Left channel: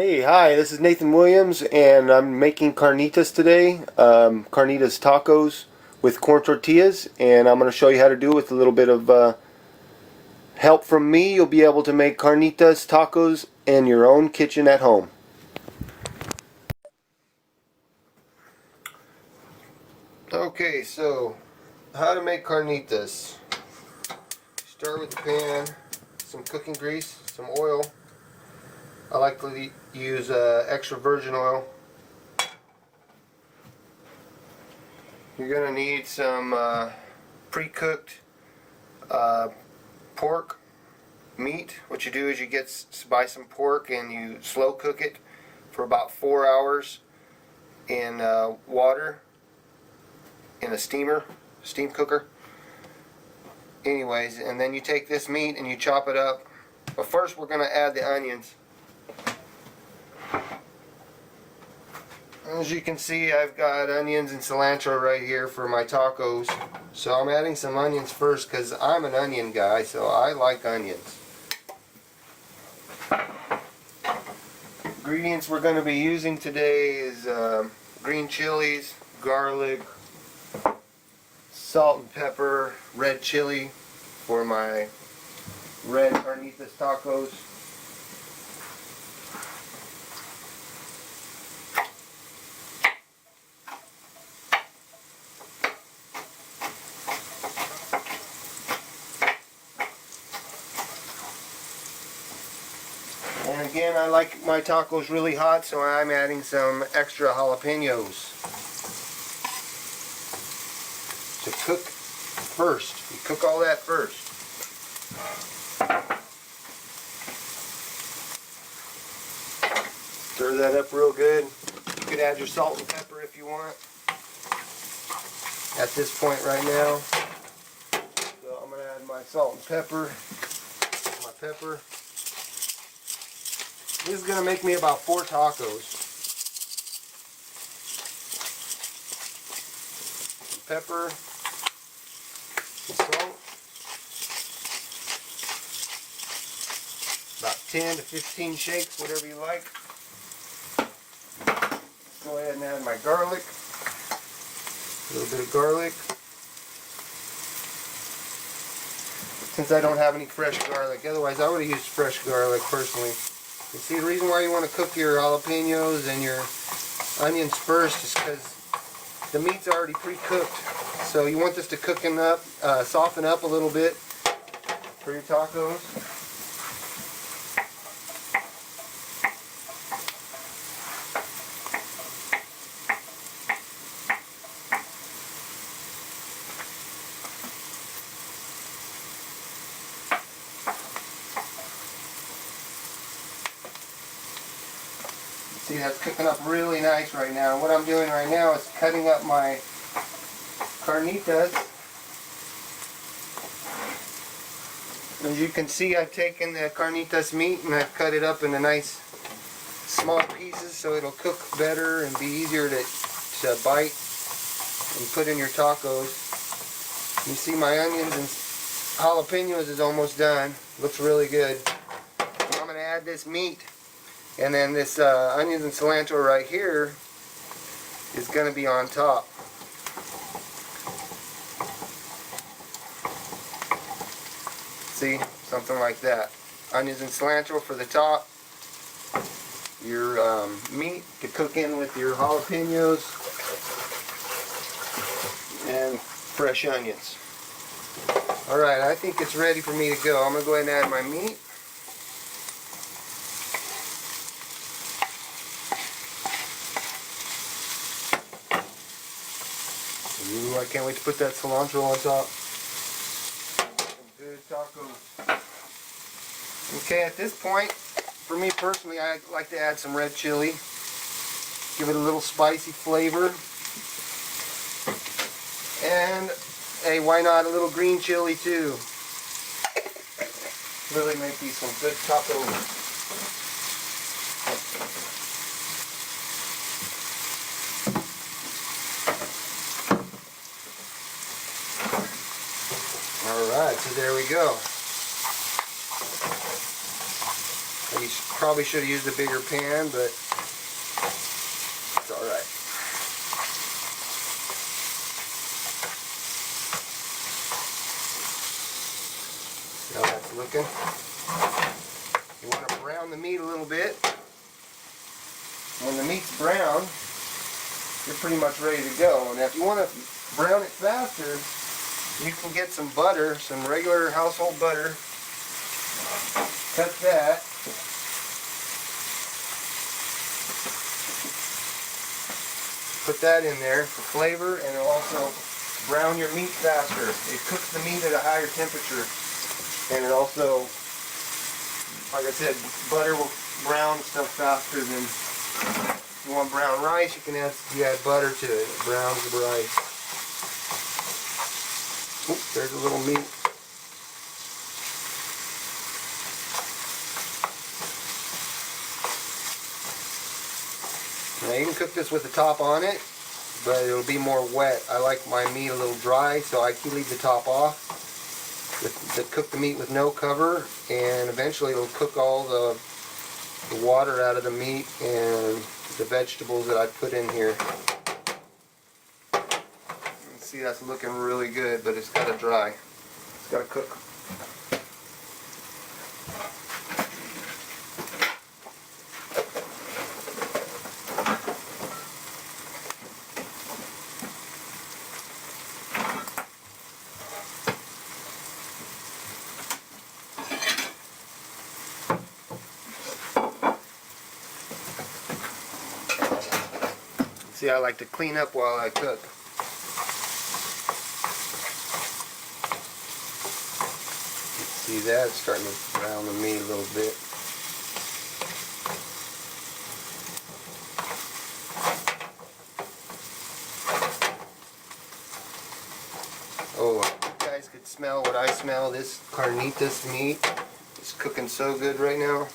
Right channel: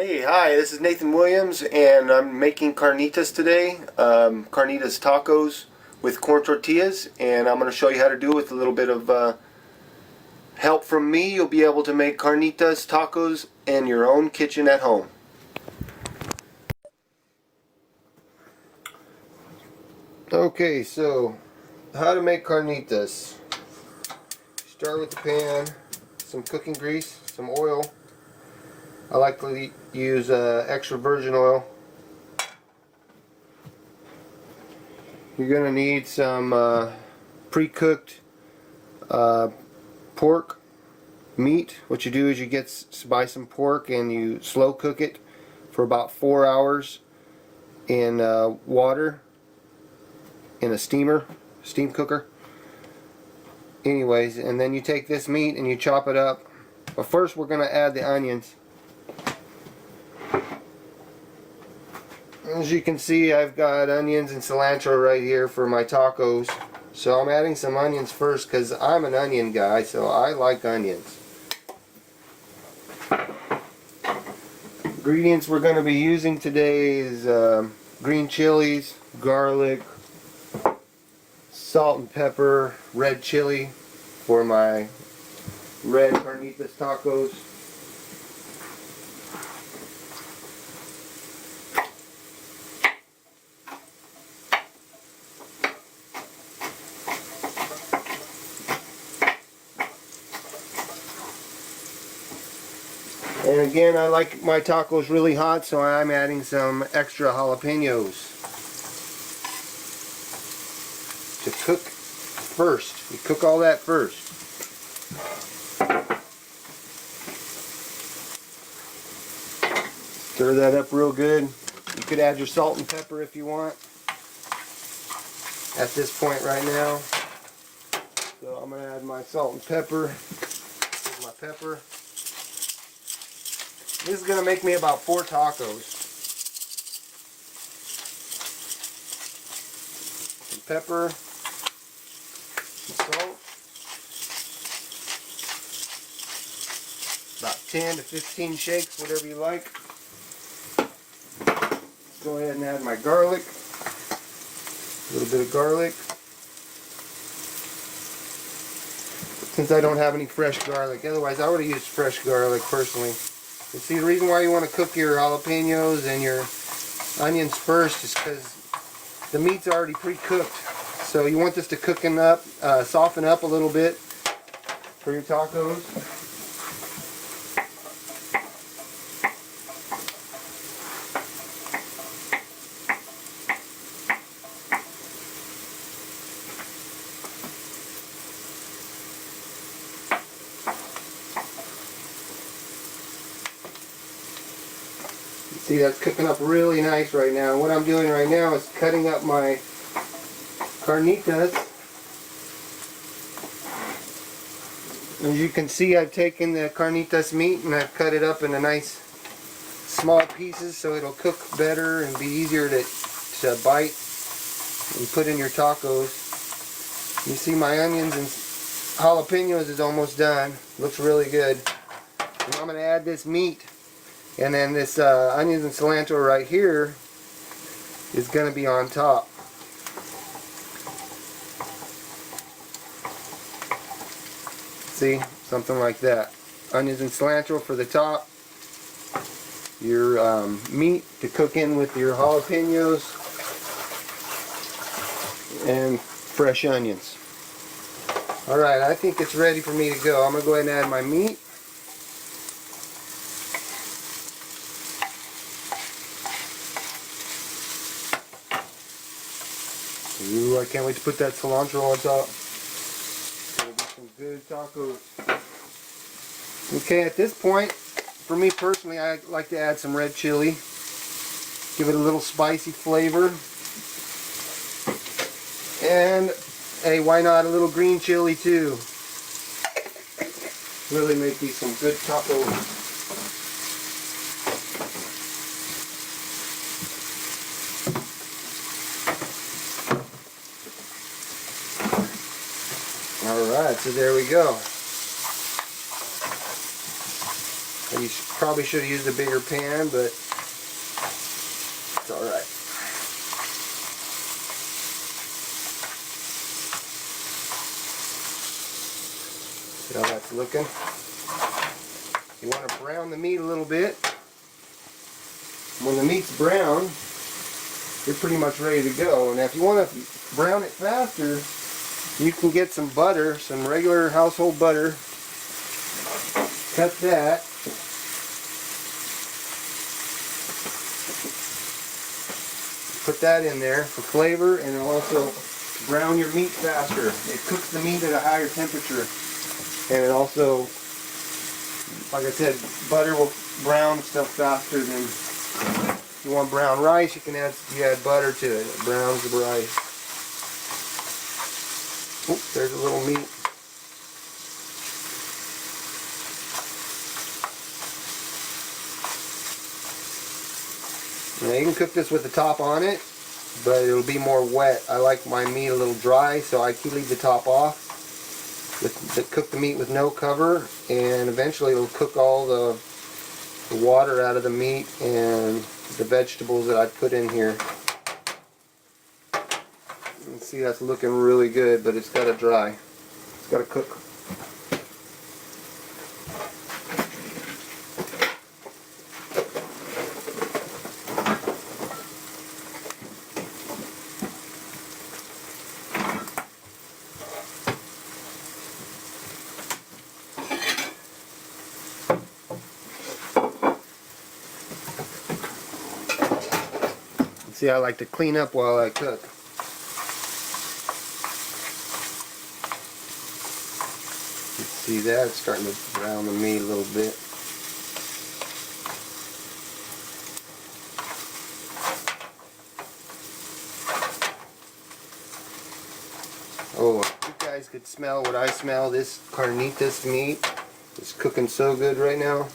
Hey, hi, this is Nathan Williams, and I'm making carnitas today, carnitas tacos with corn tortillas, and I'm going to show you how to do it with a little bit of help from me. You'll be able to make carnitas tacos in your own kitchen at home. Okay, so how to make carnitas. Start with the pan, some cooking grease, some oil. I like to use extra virgin oil. You're going to need some pre-cooked pork meat. What you do is you buy some pork and you slow cook it for about 4 hours in water in a steam cooker. Anyways, and then you take this meat and you chop it up. But first we're going to add the onions. As you can see, I've got onions and cilantro right here for my tacos. So I'm adding some onions first because I'm an onion guy, so I like onions. Ingredients we're going to be using today is green chilies, garlic, salt and pepper, red chili for my red carnitas tacos. And again, I like my tacos really hot, so I'm adding some extra jalapenos to cook first. You cook all that first. Stir that up real good. You could add your salt and pepper if you want at this point right now. So I'm going to add my salt and pepper. Here's my pepper. This is going to make me about 4 tacos. Some pepper, some salt, about 10 to 15 shakes, whatever you like. Go ahead and add my garlic, a little bit of garlic. Since I don't have any fresh garlic, otherwise I would have used fresh garlic personally. You see, the reason why you want to cook your jalapenos and your onions first is because the meat's already pre-cooked. So you want this to soften up a little bit for your tacos. See, that's cooking up really nice right now. What I'm doing right now is cutting up my carnitas. As you can see, I've taken the carnitas meat and I've cut it up into nice small pieces so it'll cook better and be easier to bite and put in your tacos. You see my onions and jalapenos is almost done. Looks really good. Now I'm going to add this meat. And then this onions and cilantro right here is going to be on top. See? Something like that. Onions and cilantro for the top. Your meat to cook in with your jalapenos. And fresh onions. Alright, I think it's ready for me to go. I'm going to go ahead and add my meat. Ooh, I can't wait to put that cilantro on top. Gonna get some good tacos. Okay, at this point, for me personally, I like to add some red chili. Give it a little spicy flavor. And, hey, why not a little green chili too? Really make these some good tacos. Alright, so there we go. You probably should have used a bigger pan, but it's alright. See how that's looking? You want to brown the meat a little bit. When the meat's brown, you're pretty much ready to go. And if you want to brown it faster, you can get some butter, some regular household butter. Cut that. Put that in there for flavor, and it'll also brown your meat faster. It cooks the meat at a higher temperature. And it also, like I said, butter will brown stuff faster than, if you want brown rice, you add butter to it. It browns the rice. Oop, there's a little meat. Now you can cook this with the top on it, but it'll be more wet. I like my meat a little dry, so I leave the top off. Cook the meat with no cover, and eventually it'll cook all the water out of the meat and the vegetables that I put in here. You can see that's looking really good, but it's got to dry. It's got to cook. See, I like to clean up while I cook. You can see that, it's starting to brown the meat a little bit. Oh, you guys could smell what I smell. This carnitas meat is cooking so good right now. I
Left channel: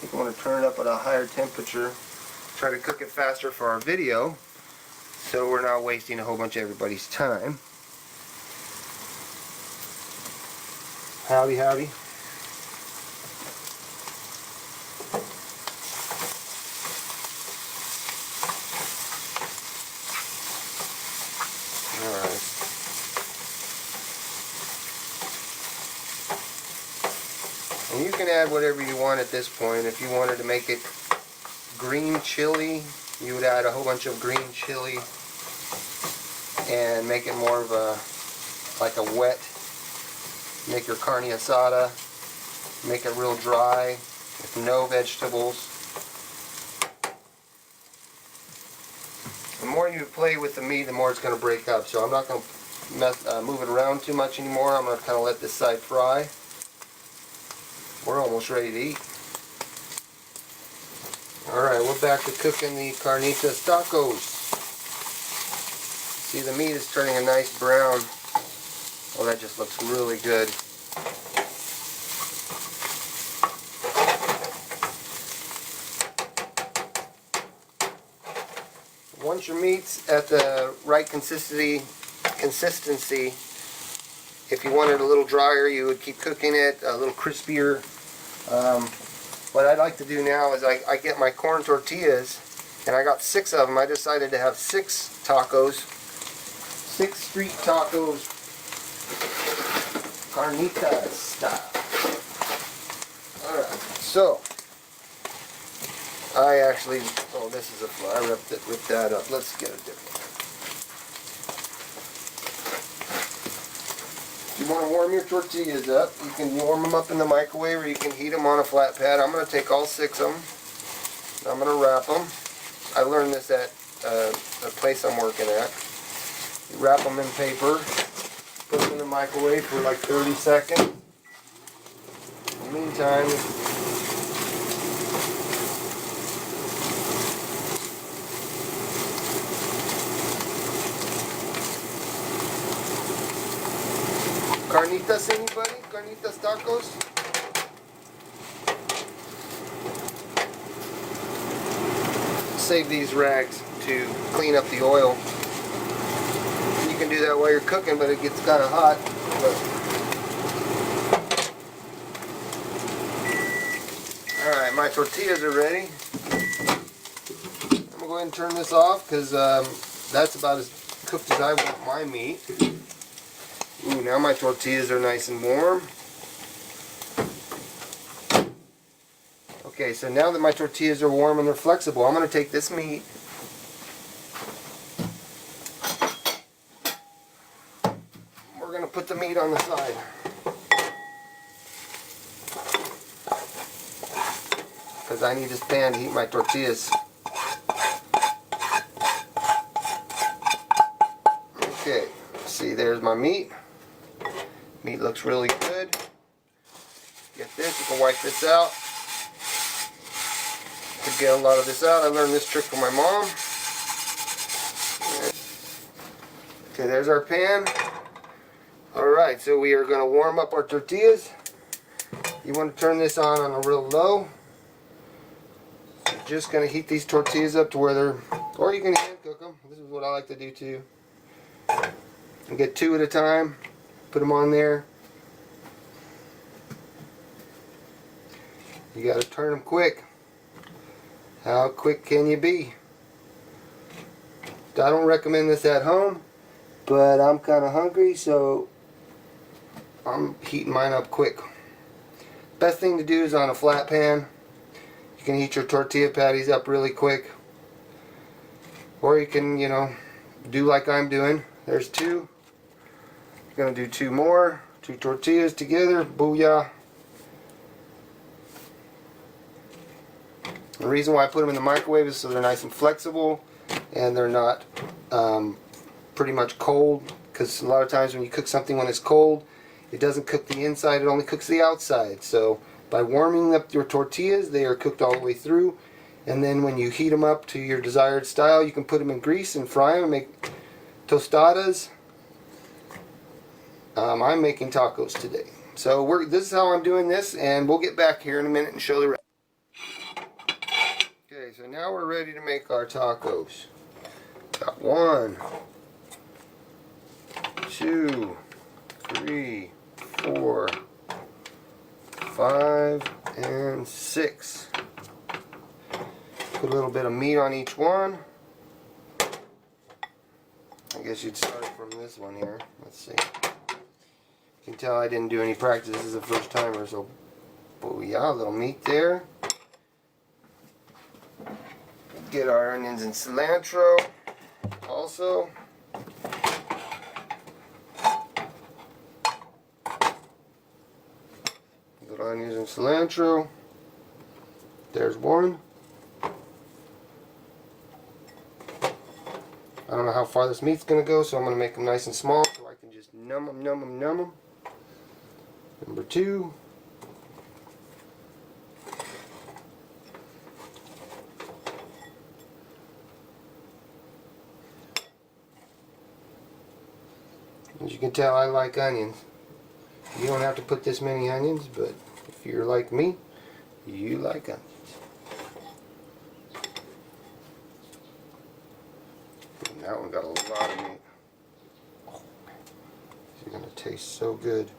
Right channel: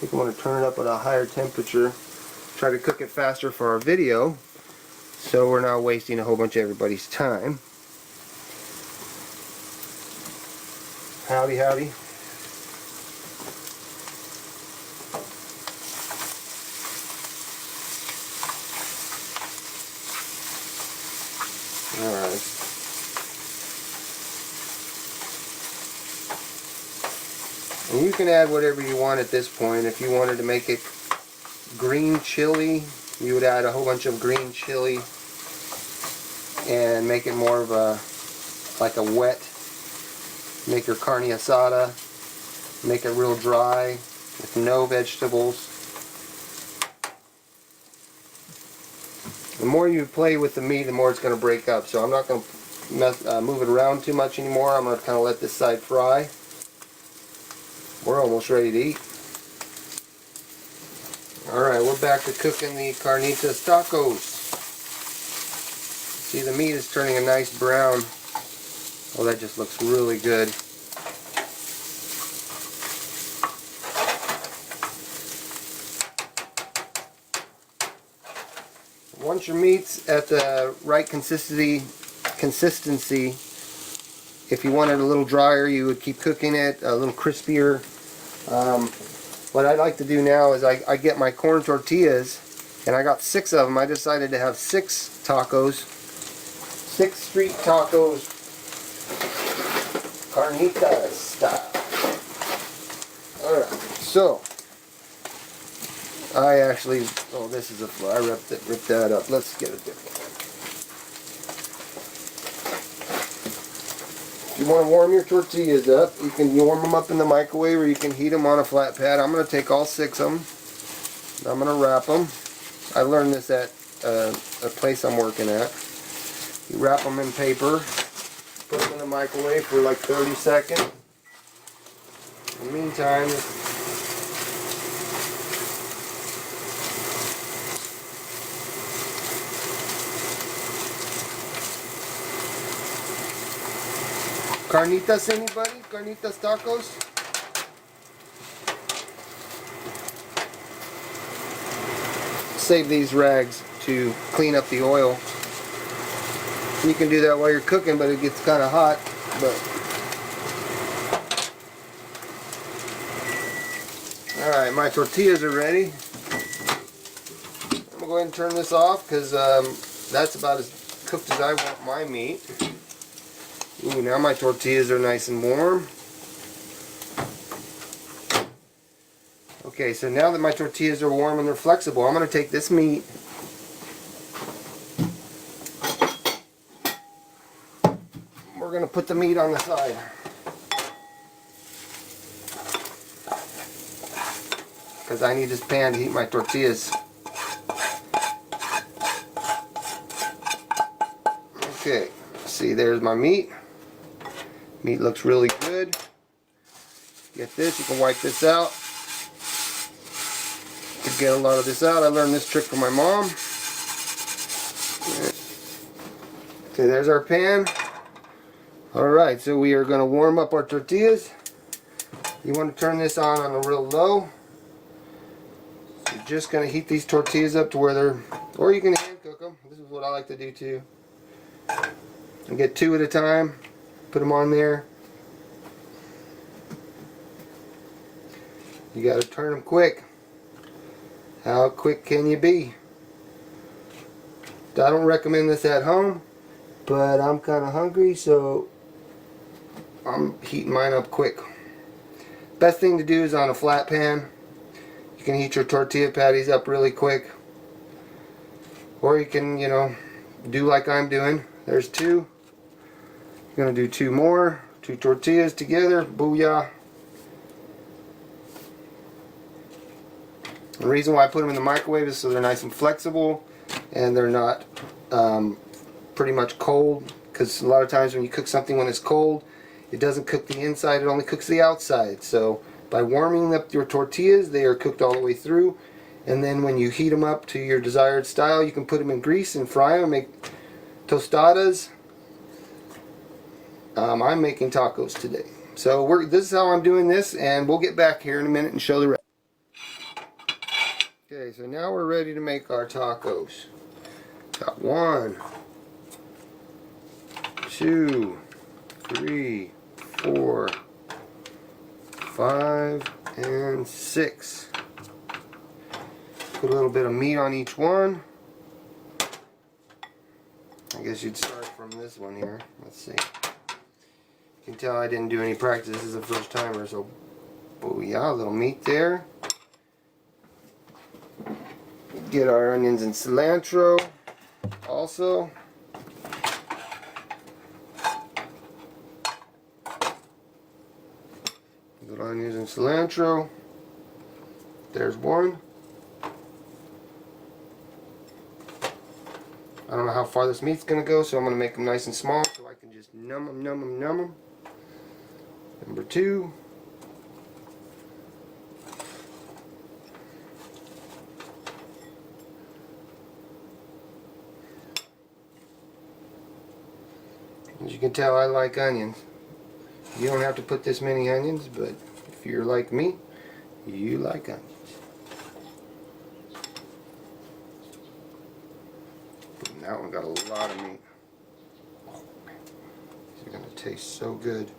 think I want to turn it up at a higher temperature. Try to cook it faster for our video, so we're not wasting a whole bunch of everybody's time. Howdy, howdy. Alright. And you can add whatever you want at this point. If you wanted to make it green chili, you would add a whole bunch of green chili and make it more of a, like a wet, make your carne asada, make it real dry with no vegetables. The more you play with the meat, the more it's going to break up. So I'm not going to move it around too much anymore. I'm going to kind of let this side fry. We're almost ready to eat. Alright, we're back to cooking the carnitas tacos. See, the meat is turning a nice brown. Oh, that just looks really good. Once your meat's at the right consistency, if you want it a little drier, you would keep cooking it a little crispier. What I like to do now is I get my corn tortillas, and I got 6 of them. I decided to have 6 tacos, 6 street tacos, carnitas style. Alright, so I actually, oh, this is a fly. I ripped that up. Let's get it different. If you want to warm your tortillas up, you can warm them up in the microwave, or you can heat them on a flat pad. I'm going to take all 6 of them. I'm going to wrap them. I learned this at a place I'm working at. You wrap them in paper, put them in the microwave for like 30 seconds. In the meantime, carnitas, anybody? Carnitas tacos? Save these rags to clean up the oil. You can do that while you're cooking, but it gets kind of hot. But Alright, my tortillas are ready. I'm going to go ahead and turn this off because that's about as cooked as I want my meat. Ooh, now my tortillas are nice and warm. Okay, so now that my tortillas are warm and they're flexible, I'm going to take this meat we're going to put the meat on the side. Because I need this pan to heat my tortillas. Okay, see, there's my meat. Meat looks really good. Get this, you can wipe this out. To get a lot of this out, I learned this trick from my mom. Okay, there's our pan. Alright, so we are going to warm up our tortillas. You want to turn this on a real low. You're just going to heat these tortillas up to where they're, or you can hand cook them. This is what I like to do too. And get 2 at a time. Put them on there. You got to turn them quick. How quick can you be? I don't recommend this at home, but I'm kind of hungry, so I'm heating mine up quick. Best thing to do is on a flat pan. You can heat your tortilla patties up really quick. Or you can, you know, do like I'm doing. There's 2. I'm going to do 2 more. 2 tortillas together. Booyah. The reason why I put them in the microwave is so they're nice and flexible and they're not pretty much cold, because a lot of times when you cook something when it's cold, it doesn't cook the inside, it only cooks the outside. So by warming up your tortillas, they are cooked all the way through, and then when you heat them up to your desired style, you can put them in grease and fry them and make tostadas. I'm making tacos today. So this is how I'm doing this, and we'll get back here in a minute and show the rest. Okay, so now we're ready to make our tacos. Got 1, 2, 3, 4, 5, and 6. Put a little bit of meat on each one. I guess you'd start from this one here. Let's see. You can tell I didn't do any practice. This is the first timer, so booyah, a little meat there. Get our onions and cilantro also. Little onions and cilantro. There's 1. I don't know how far this meat's going to go, so I'm going to make them nice and small so I can just numb them, numb them, numb them. Number 2. As you can tell, I like onions. You don't have to put this many onions, but if you're like me, you like onions. And that one got a lot of meat. Oh, it's going to taste so good.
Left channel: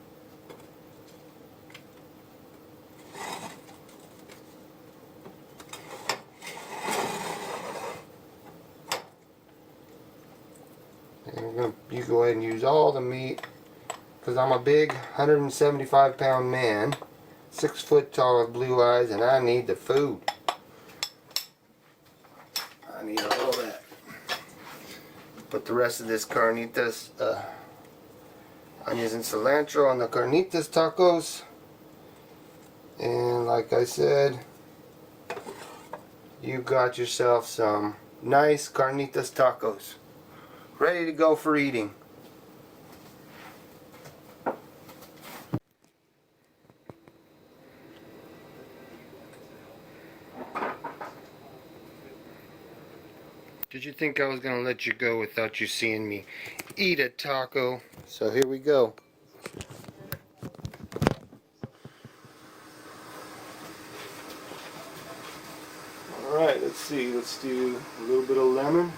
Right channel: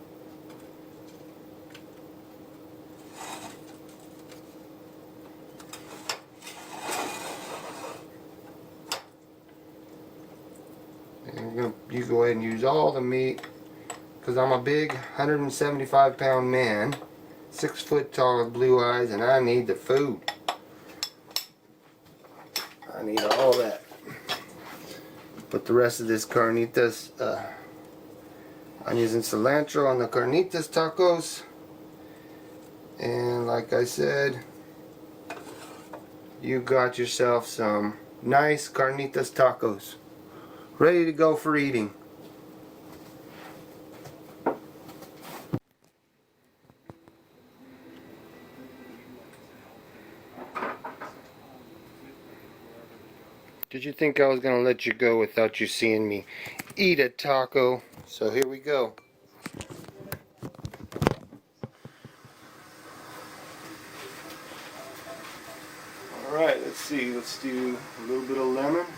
And you go ahead and use all the meat, because I'm a big 175-pound man, 6 foot tall with blue eyes, and I need the food. I need all that. Put the rest of this carnitas, onions and cilantro on the carnitas tacos. And like I said, you got yourself some nice carnitas tacos. Ready to go for eating. Did you think I was going to let you go without you seeing me eat a taco? So here we go. Alright, let's see. Let's do a little bit of lemon.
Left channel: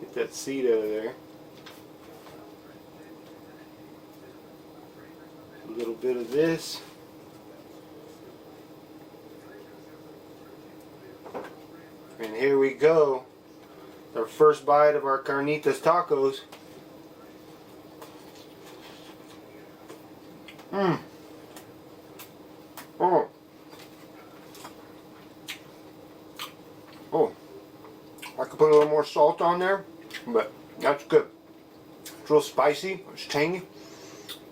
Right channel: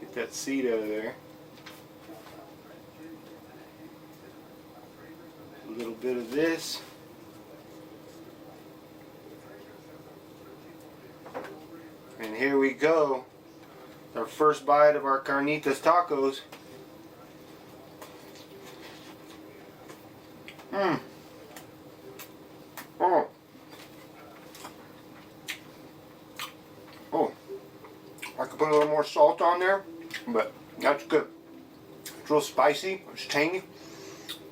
Get that seed out of there. A little bit of this. here we go. Our first bite of our carnitas tacos. Oh. Oh. I could put a little more salt on there, but that's good. It's real spicy. It's tangy.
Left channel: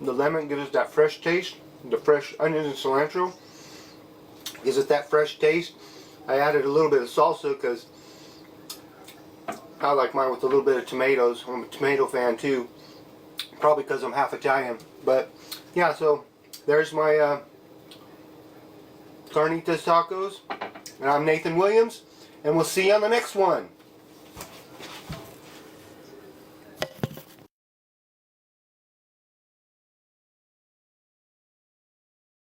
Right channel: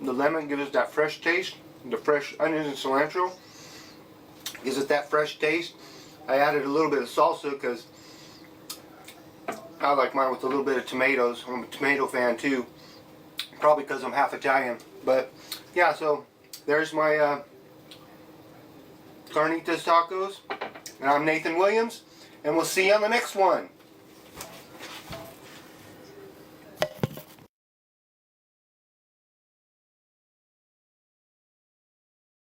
The lemon gives it that fresh taste. The fresh onions and cilantro gives it that fresh taste. I added a little bit of salsa because I like mine with a little bit of tomatoes. I'm a tomato fan too. Probably because I'm half Italian. But yeah, so there's my carnitas tacos. And I'm Nathan Williams. And we'll see you on the next one.